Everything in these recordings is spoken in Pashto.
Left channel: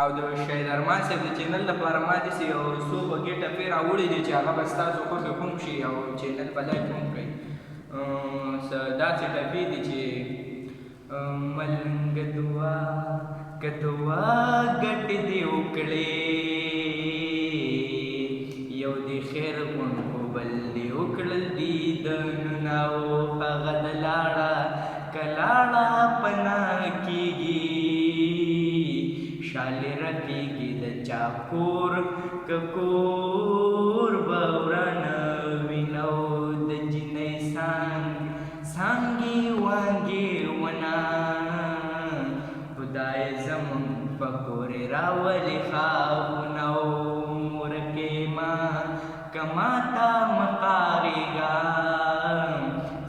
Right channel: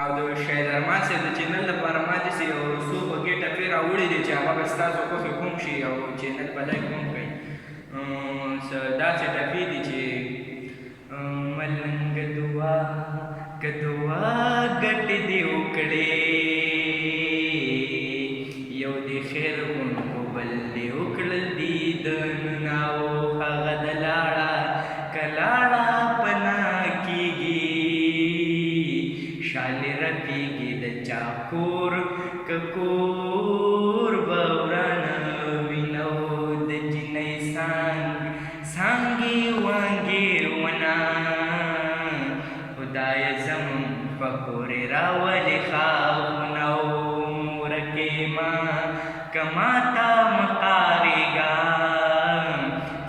او د شهید ارمان صاحب د چینل لپاره ما داسې یو څو خوږې ټپې راوړي دي چې هغه به ستاسو خوښې هم شي او چینل به لایک هم کوي. داسې ټپې دي چې ملنګ دعا که دعا ګټې دې وکړې یو دې خیر غوند خو بل دې وکړل دیدنونه او هغه د لاړه که لاړه پناه کېږي شالې رپېږي د چا کور که کور به ورانه وینه او د جنۍ څانګې وانګې ونه خدایه زمونږ په کورې راولې خاونه او مورکې ما که ماته مقارېږه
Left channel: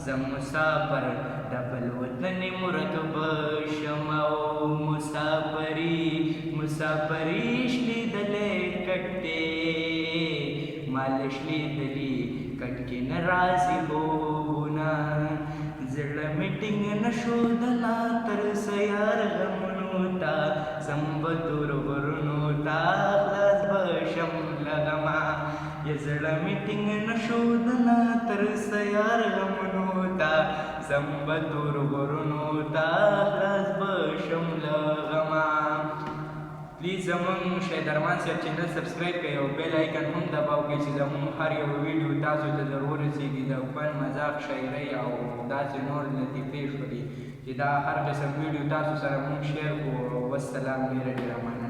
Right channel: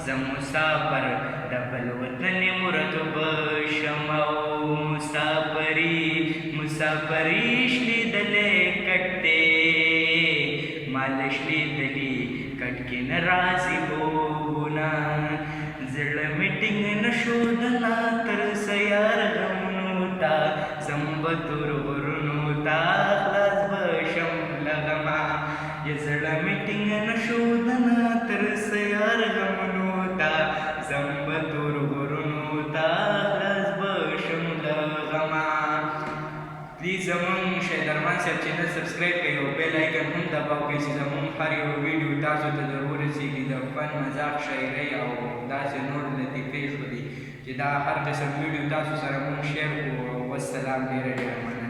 زه مسافر د بل وطن مرتب شم او مسافري شلیدلی کټ دی مال شلیدلی کټ کې نه راځي خوبونه زړه مې ټینګ نه شو د لا تر سیار غمونو ته ځم به تور غرونو ته خلاص به شم له غمه یا زړه مې ټینګ نه شو د لا تر سیار غمونو ته ځم به تور غرونو ته خلاص به شم له غمه. پلیز زمونږ شهید ارمان صاحب چینل سبسکرایب کړئ او بیل آیکن هم دباو کړئ چې زمونږ هر یو ویډیو تاسو ته ضرور ورسیږي د فن مذاق شاعرۍ او داسې نور لطیفې شولې چې دا هر قسم ویډیو تاسو سره مونږ شیر کړو. والسلام ډېره ډېره مننه.